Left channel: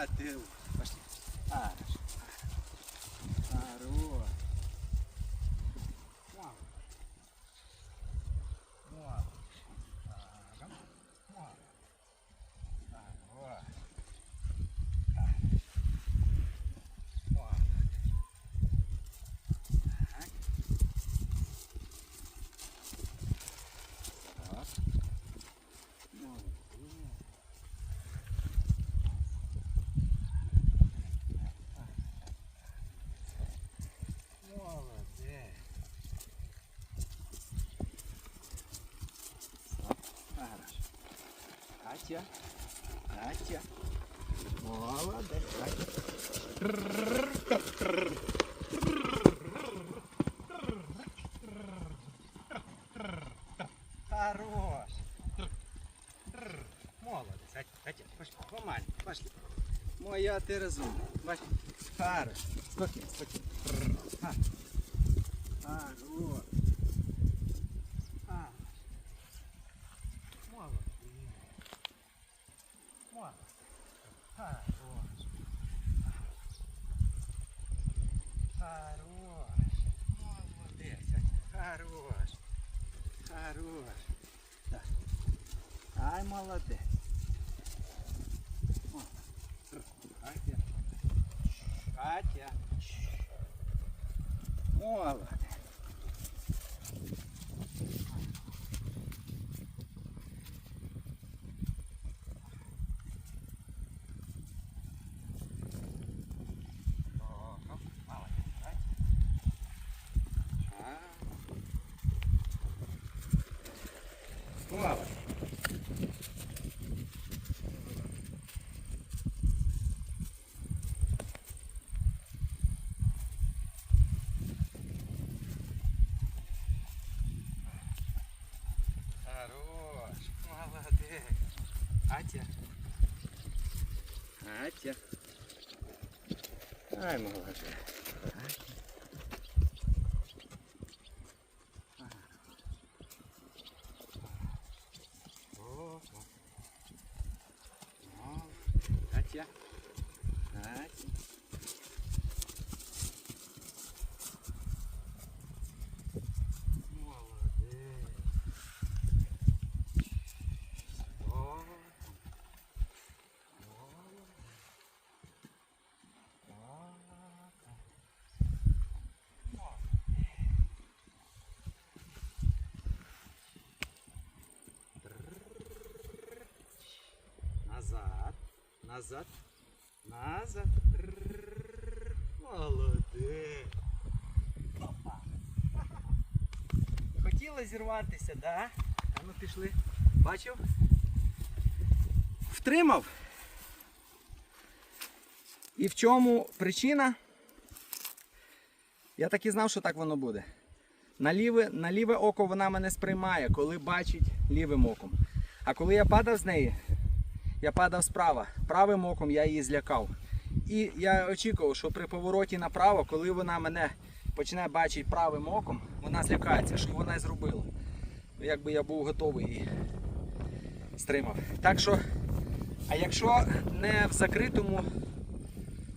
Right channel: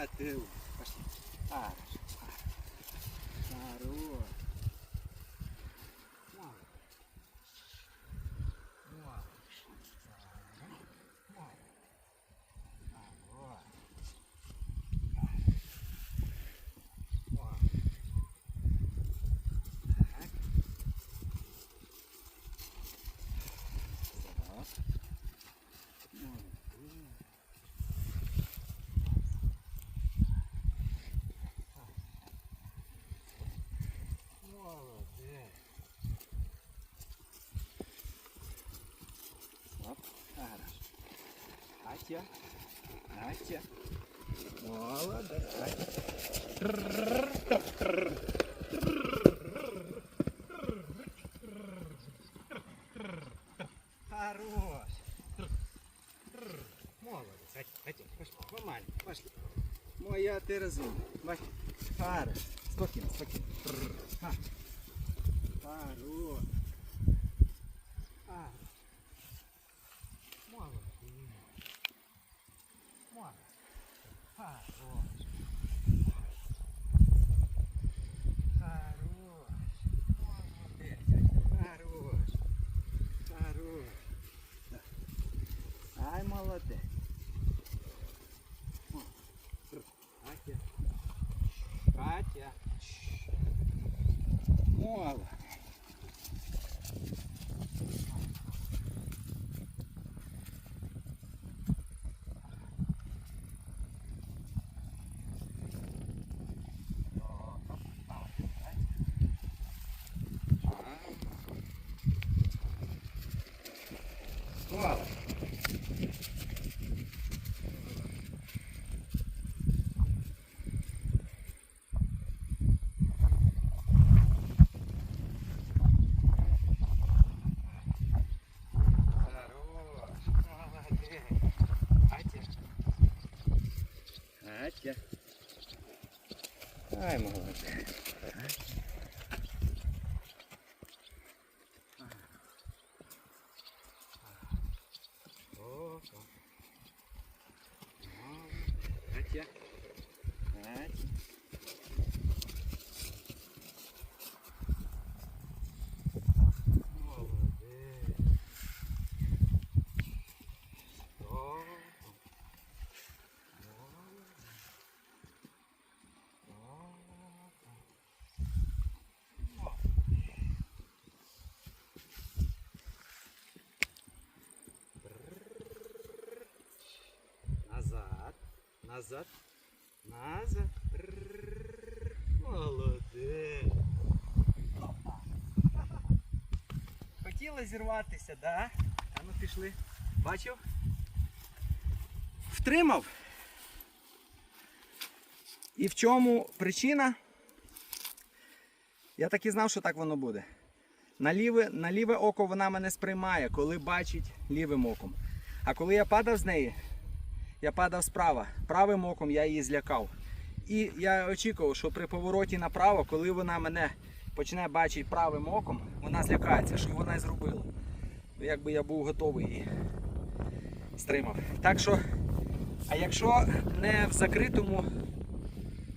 Моя ты. Пошли. Хорошо. Хорош. Вон. Вон. Ага. Вон. Хорош. Вон. Так. Так. Молодец. Молодець. Стоп. Хорошо. Катя. Катя. Молодець. Катя. Хорош. Молодець. Катя, Катя, пошли. Помаленьку, пошли. Моя ти розумна. Бачиш? Хорош. Спокійно, спокійно. Ха. Хорош. А. Молодець. Молодець. Хорош. Хорош. Молодець. Катя. Хорош. Хорош. Так. Ай, молодець. О. Катя. Катя. Молодець. Молодець. Хорош, молодець. Атя. Атя. Ай, молодець. О, о. Молодець. Атя. Атя. Молодець. О, Назад, назад, назад. Молодець. Хотіла зірватися, да? А ну пішли. Бачив? Втримав. І в чому причина? Я так і знав, що так воно буде. На ліве, на ліве око вона мене сприймає, коли бачить лівим оком. А коли я падав з неї, я падав справа. Правим оком я її злякав. І я очікував, що при повороті направо, коли вона мене почне бачити правим оком, вона злякається, що вона і зробила. Ну, Якби я був готовий і стримав. Так що, а якщо не в закритому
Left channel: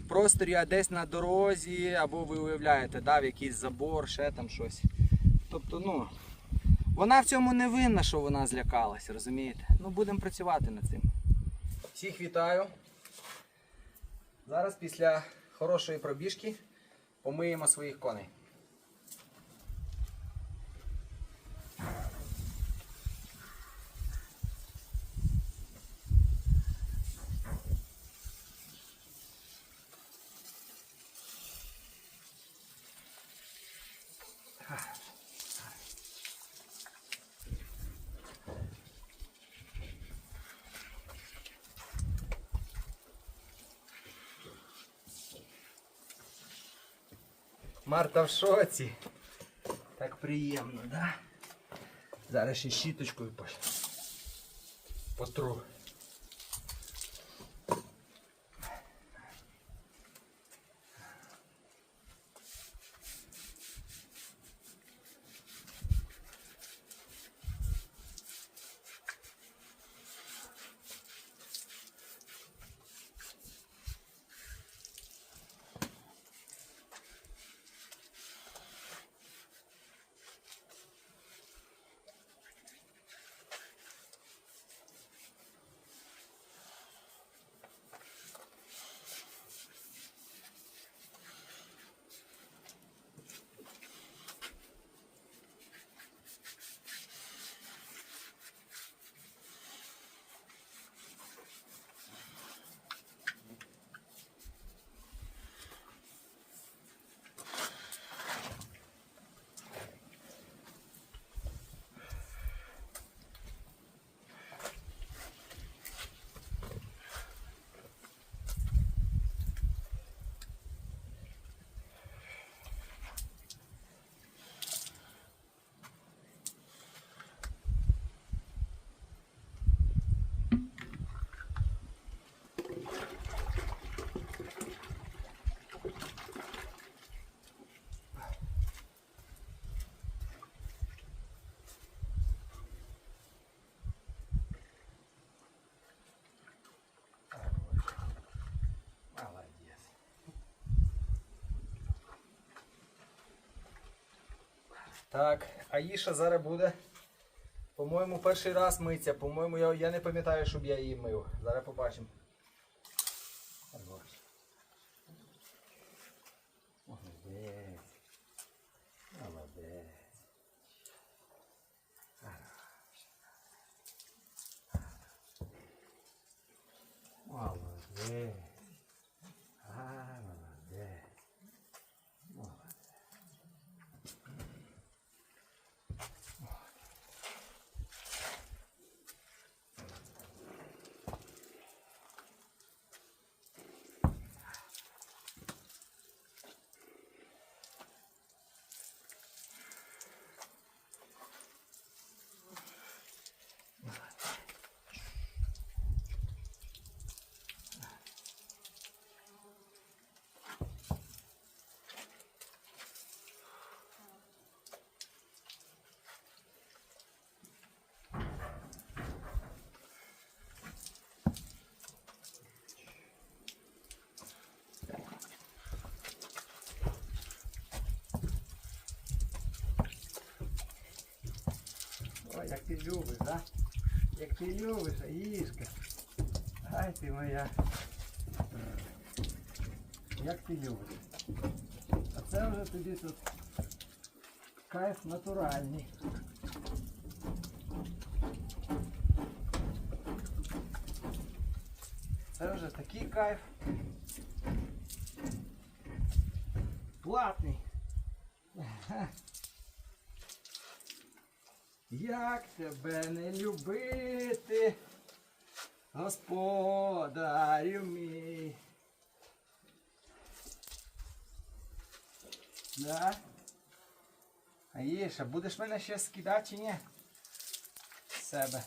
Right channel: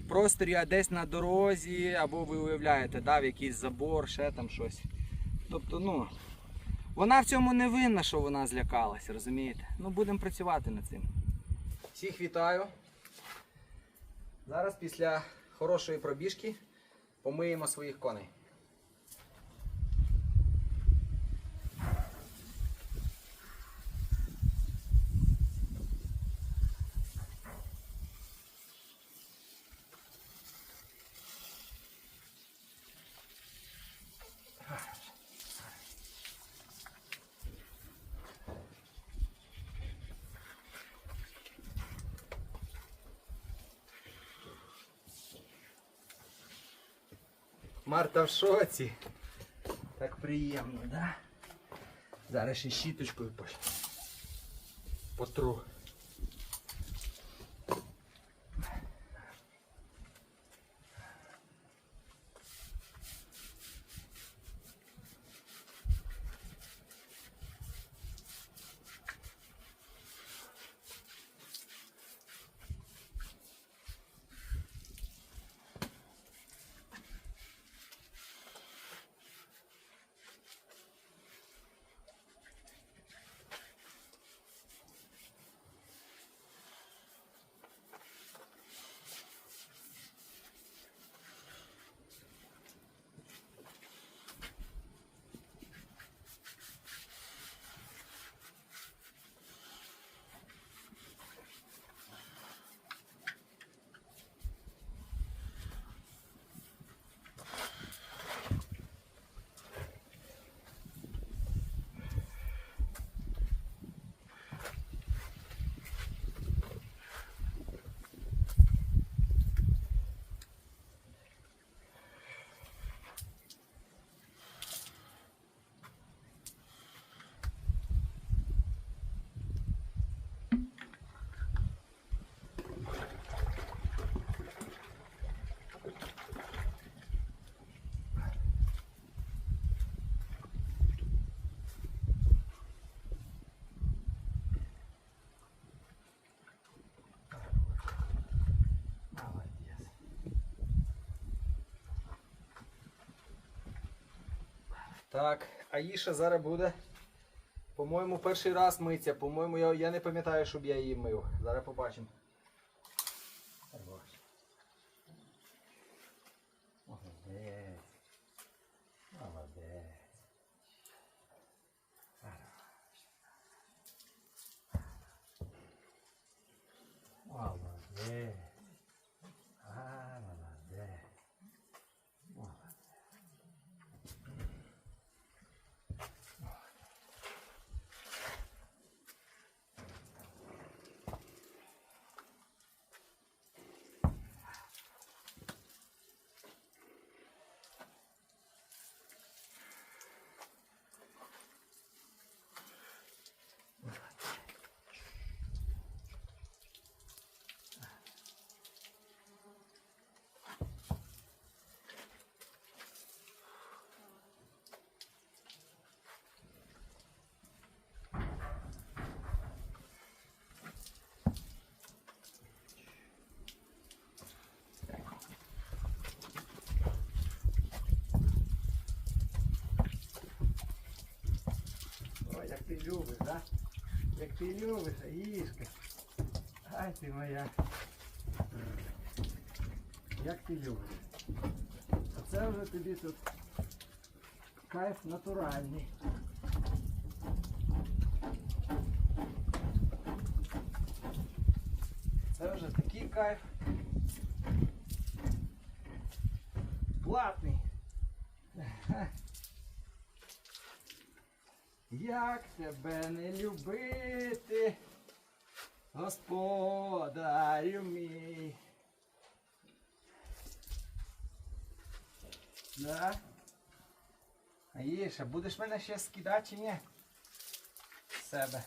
просторі, а десь на дорозі, або ви уявляєте, дав якийсь забор, ще там щось. Тобто, ну, вона в цьому не винна, що вона злякалась, розумієте? Ну, будемо працювати над цим. Всіх вітаю. Зараз після хорошої пробіжки помиємо своїх коней. Марта в шоці. Так приємно, да? Зараз ще щіточкою потру. Так, Аїша зараз буде. По-моєму, перший раз миться. По-моєму, я, я не пам'ятаю, щоб я її мив. Зараз побачимо. Хорош. Молодець. Молодець. Молодець. А, молодець. Молодець. Ой, як ти любиш, да? Як ти любиш, Аїшка. Ай ти моя. Як ти любиш. А це вже тобі тут кайф натуральний. Це вже такий кайф. Платний. Як тебе не любити, господарю мій. Да? Аїша, будеш мене ще скидати чи ні? З себе.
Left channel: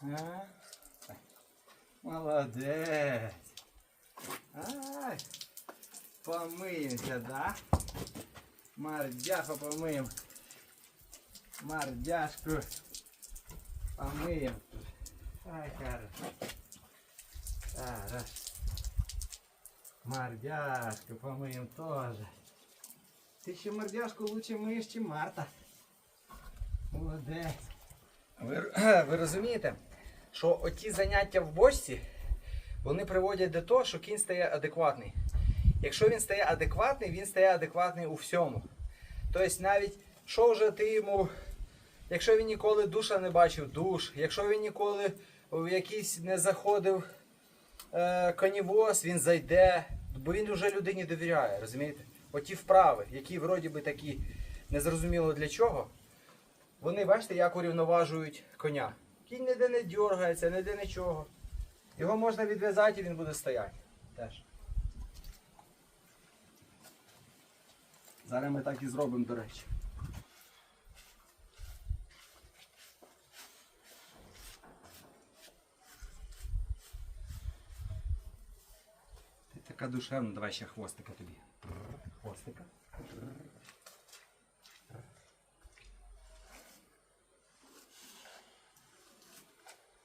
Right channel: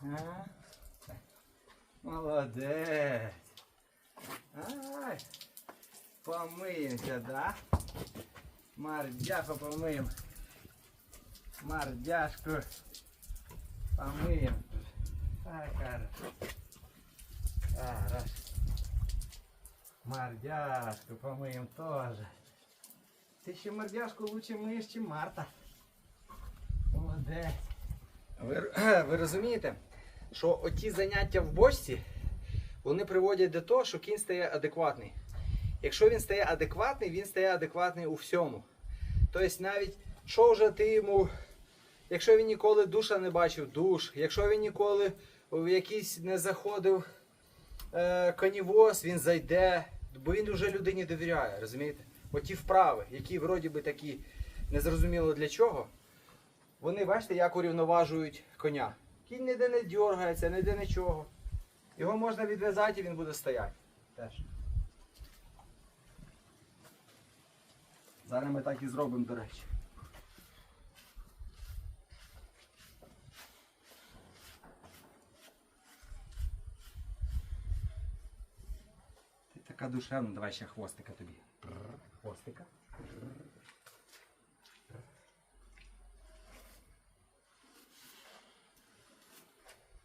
А? Молодець. Ай. Помиємося, да? Мардяху помиємо Мордяшку помыем. Ай, хорошо. Хорошо. Мордяшку помыем тоже. Ты еще мордяшку лучше мыешь, чем Марта. Молодець. Ви, ви розумієте, що оті заняття в бочці, вони приводять до того, що кінь стає адекватний. Якщо він стає адекватний, він стає адекватний у всьому. Тобто навіть, що вже ти йому Якщо він ніколи душа не бачив, душ. Якщо він ніколи в якийсь не заходив е, конівоз, він зайде, бо він вже людині довіряє, розумієте? Оті вправи, які вроді би такі незрозуміло для чого, вони, бачите, як урівноважують коня. Кінь ніде не дергається, ніде нічого. Його можна відв'язати і він буде стояти. Теж. Зараз ми так і зробимо, до речі. Така душевна, давай ще хвостика тобі. Хвостика.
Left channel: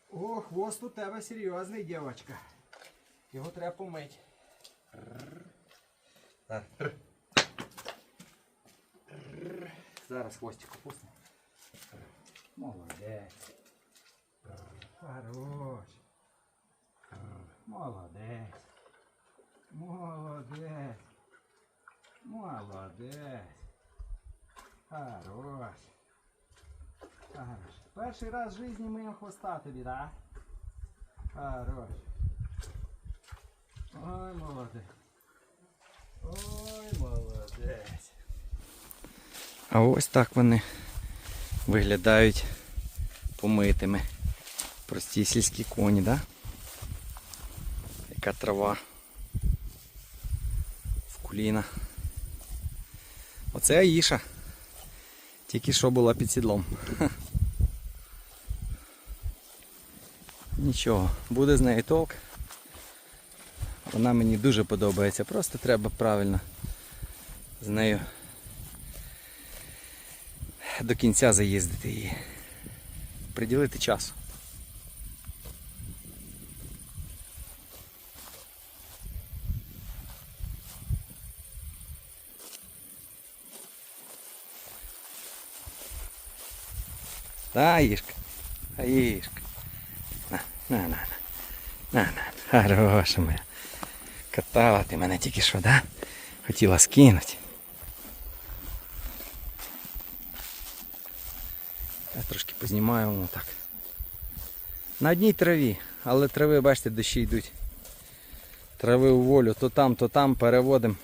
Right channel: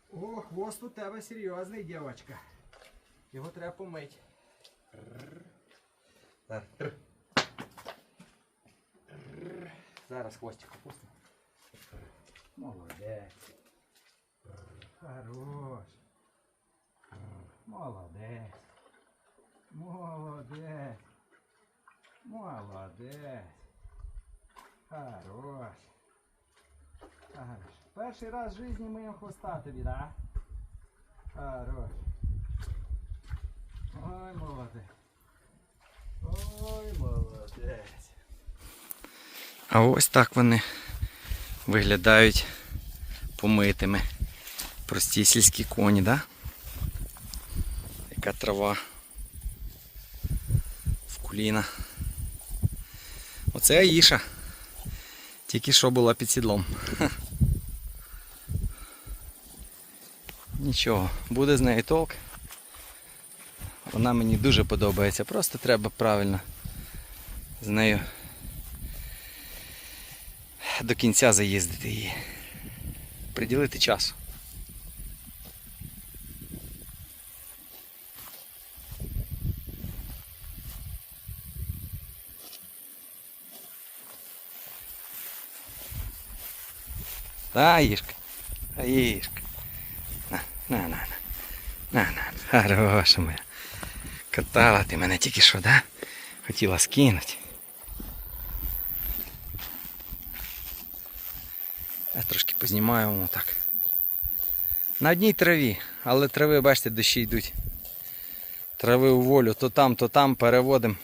О, хвост у тебе серйозний, дівчинка. Його треба помити. Зараз хвостик опусти. Молодець. Хорош. Молодець. Молодець. Молодець. Хорош. Хорош. Перший раз в житті миємо хвоста тобі, да? Хорош. Ой, молодець. Ой, молодець. А ось так вони виглядають помитими. Прості сільські коні, да? Яка трава куліна. Оце Аїша. Тільки що була під сідлом. Нічого, буде з нею толк. Вона мені дуже подобається. Просто треба правильно з нею до кінця заїздити її. Приділити часу. Та, їжка. А їжка. На, на, на, на. На, на, хороша моя. Катала ти мене тільки що, да? Хотіла скинути. Я трошки познімаю воно так. На одній траві, але трави, бачите, дощі йдуть. Трави у волю, то там, то там переводимо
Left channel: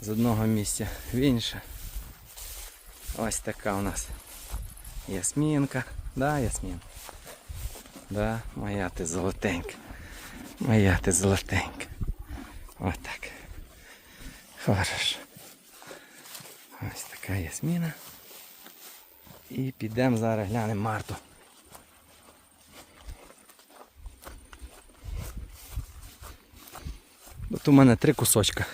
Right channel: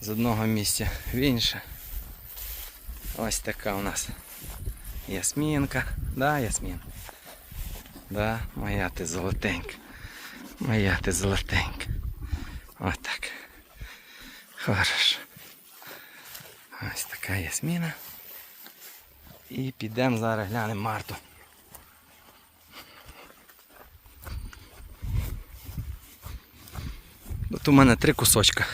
з одного місця в інше. Ось така у нас ясмінка. Да, ясмін? Да, моя ти золотенька. Моя ти золотенька. Ось так. Хорошо. Ось така ясміна. І підемо зараз глянемо Марту. От у мене три кусочка.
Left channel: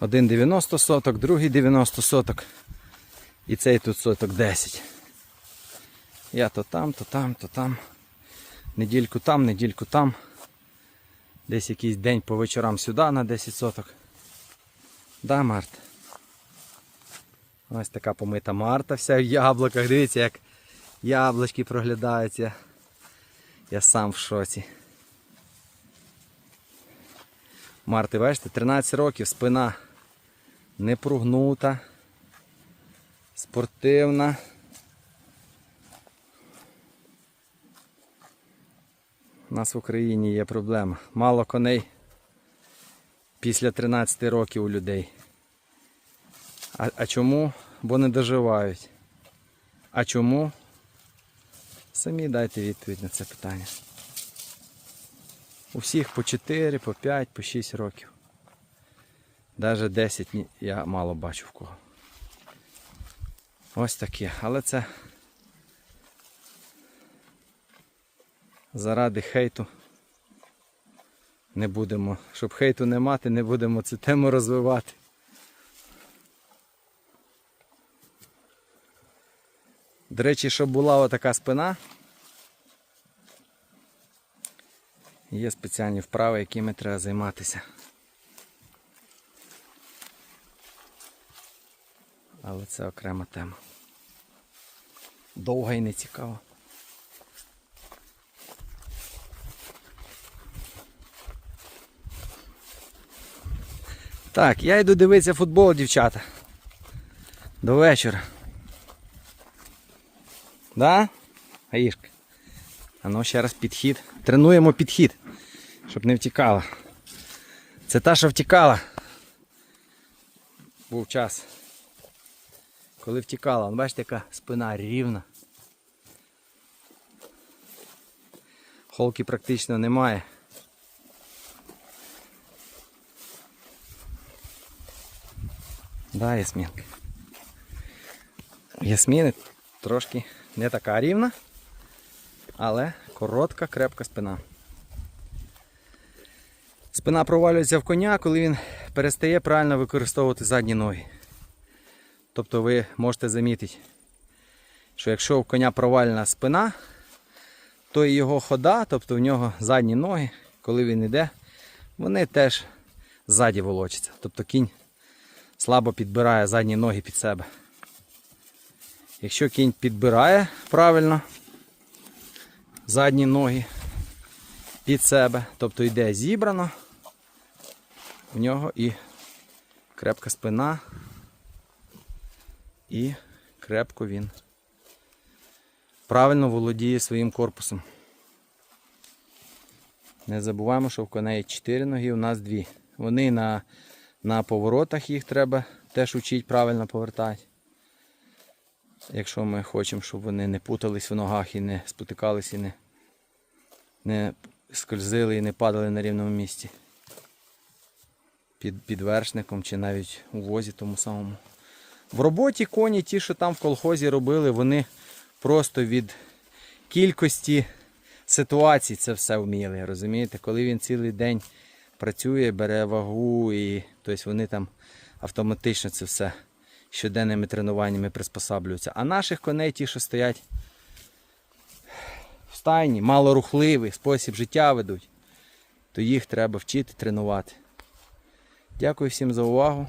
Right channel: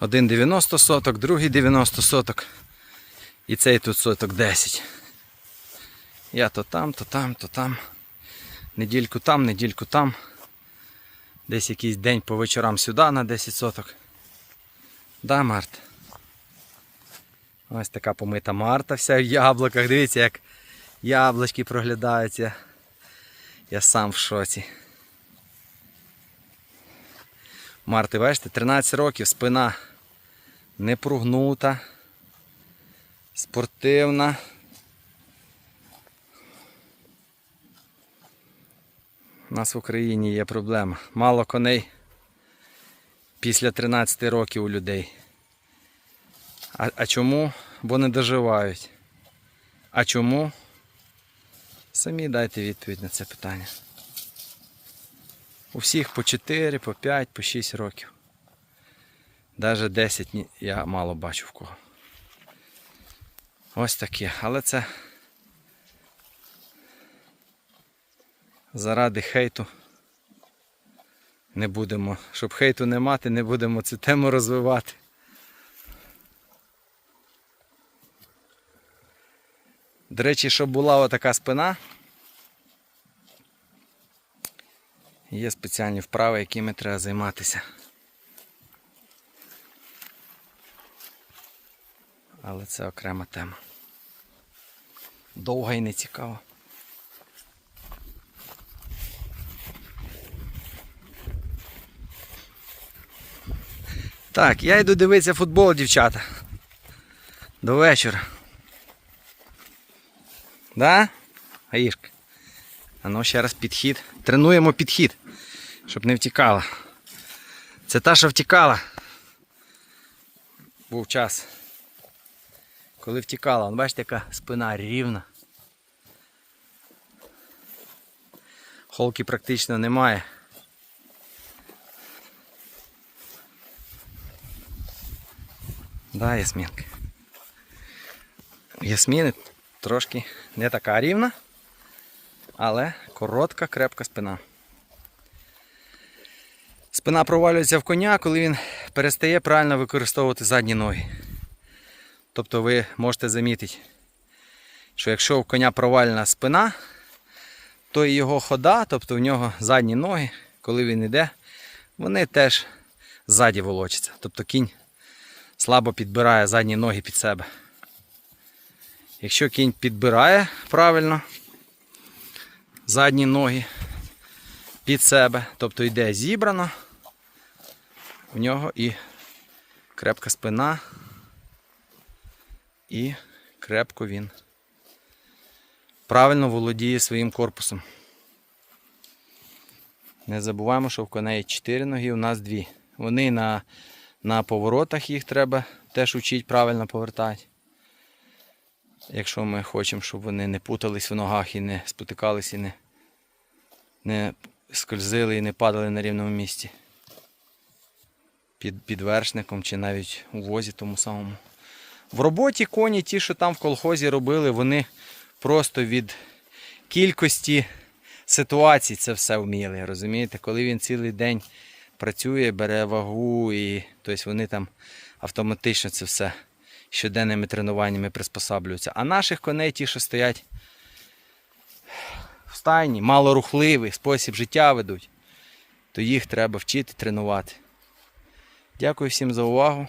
Один 90 соток, другий 90 соток. І цей тут соток 10. Я то там, то там, то там. Недільку там, недільку там. Десь якийсь день по вечорам сюди на 10 соток. Да, Март? Ось така помита Марта вся в яблуках. Дивіться, як яблучки проглядаються. Я сам в шоці. Марти, бачите, 13 років, спина не прогнута, спортивна. У нас в Україні є проблема. Мало коней після 13 років у людей. А, а чому? Бо не доживають. А чому? Самі дайте відповідь на це питання. У всіх по 4, по 5, по 6 років. Навіть 10 я мало бачу в кого. Ось таке. Але це заради хейту не будемо. Щоб хейту не мати, не будемо цю тему розвивати. До речі, щоб була отака спина, є спеціальні вправи, якими треба займатися. Але це окрема тема. Довга і не цікава. Так, я йду дивитися футбол, дівчата. До вечора. Да? Аїшка. А ну ще раз підхід. Тренуємо підхід, щоб не втікала. Це та, що втікала. Був час. Коли втікала, бачите, яка спина рівна. Холки практично немає. Да, Ясмінка. Ясміни трошки не така рівна, але коротка, крепка спина. Спина провалюється в коня, коли він перестає правильно використовувати задні ноги. Тобто ви можете замітити, що якщо у коня провальна спина, то і його хода, тобто в нього задні ноги, коли він йде, вони теж ззаді волочаться. Тобто кінь слабо підбирає задні ноги під себе. Якщо кінь підбирає правильно задні ноги під себе, тобто йде зібрано, у нього і крепка спина, і крепко він правильно володіє своїм корпусом. Не забуваємо, що в коней 4 ноги, у нас 2. Вони на, на поворотах їх треба теж вчити правильно повертати. Якщо ми хочемо, щоб вони не путались в ногах і не спотикались, і не, не скользили і не падали на рівному місці. Під, під вершником чи навіть у возі тому самому. В роботі коні, ті, що там в колхозі робили, вони просто від кількості ситуацій це все вміли. Розумієте, коли він цілий день працює, бере вагу, і тобто вони там автоматично це все щоденними тренуваннями приспосаблюються. А наших коней, ті, що стоять в стайні, малорухливий спосіб життя ведуть, то їх треба вчити тренувати. Дякую всім за увагу.